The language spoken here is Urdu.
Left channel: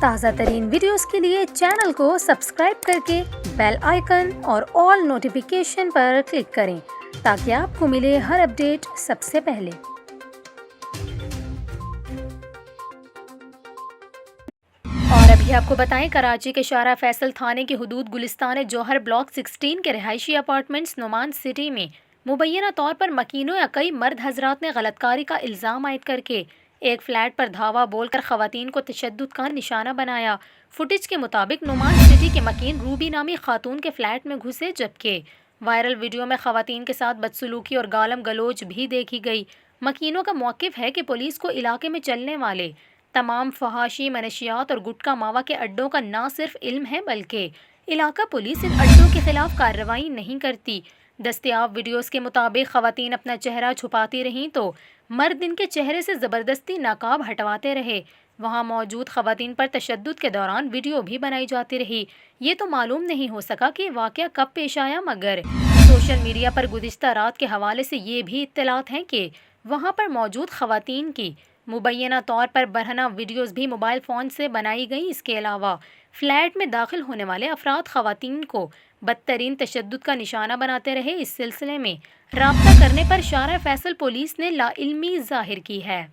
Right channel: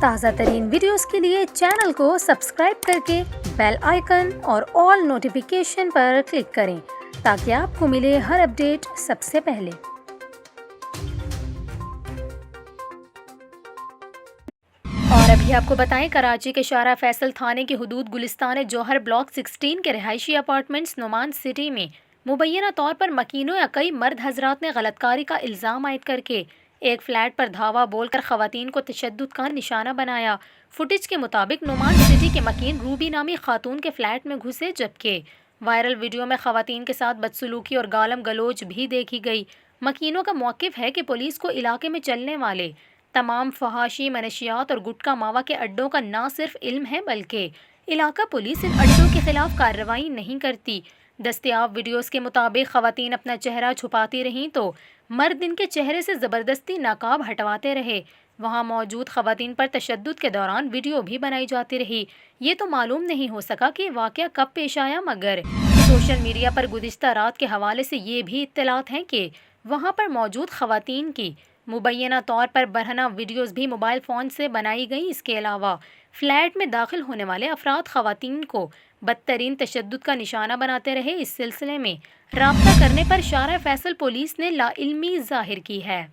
تازہ ترین ویڈیوز کے لیے چینل کو سبسکرائب کر کے بیل آئیکن اور آل نوٹیفیکیشن پر کلک کریں تاکہ آپ کو ملے ہر اپڈیٹ سب سے پہلے۔ اور ابھی آپ کو بتائیں، کراچی کے شارع فیصل تھانے کی حدود گلستان جوہر بلاک 16 کے رہائشی اپارٹمنٹس نعمان سٹی میں مبینہ طور پر مکینوں یا کئی مرد حضرات نے غلط کاری کا الزام عائد کر کے ایک فلیٹ پر دھاوا بول کر خواتین کو تشدد کا نشانہ بنایا۔ فوٹیج کے مطابق نعمان سٹی کے مکین روبی نامی خاتون کے فلیٹ میں گھسے، جبکہ وائرل ویڈیو میں خواتین کے ساتھ بدسلوکی اور گالم گلوچ بھی دیکھی گئی۔ مکینوں کا موقف ہے کہ پولیس کو علاقے میں چلنے والے تمام فحاشی منشیات اور گٹکا ماوا کے اڈوں کا نہ صرف علم ہے بلکہ علاقہ پولیس ان اڈوں کے خلاف کارروائی نہیں کرتی۔ دستیاب ویڈیوز کے مطابق خواتین اپنا چہرہ چھپاتی رہیں تو مرد ان کے چہرے سے زبردستی نقاب ہٹواتے رہے۔ وہاں موجود خواتین پر تشدد کے دوران ویڈیو بھی بنائی جاتی رہی۔ یہ تو معلوم نہیں ہو سکا کہ واقعہ کب پیش آیا، مگر سوشل میڈیا پر گزشتہ رات کے حوالے سے یہ بھی اطلاعات ہیں کہ وہاں پر موجود خواتین کی مبینہ طور پر برہنہ ویڈیوز بھی موبائل فون سے بنائی گئیں۔ اس کے علاوہ فلیٹ میں داخل ہونے والے افراد خواتین کو بدترین تشدد کا نشانہ بناتے رہے۔ اس سلسلے میں رابطہ کرنے پر شارع فیصل پولیس نے لا علمی ظاہر کی ہے۔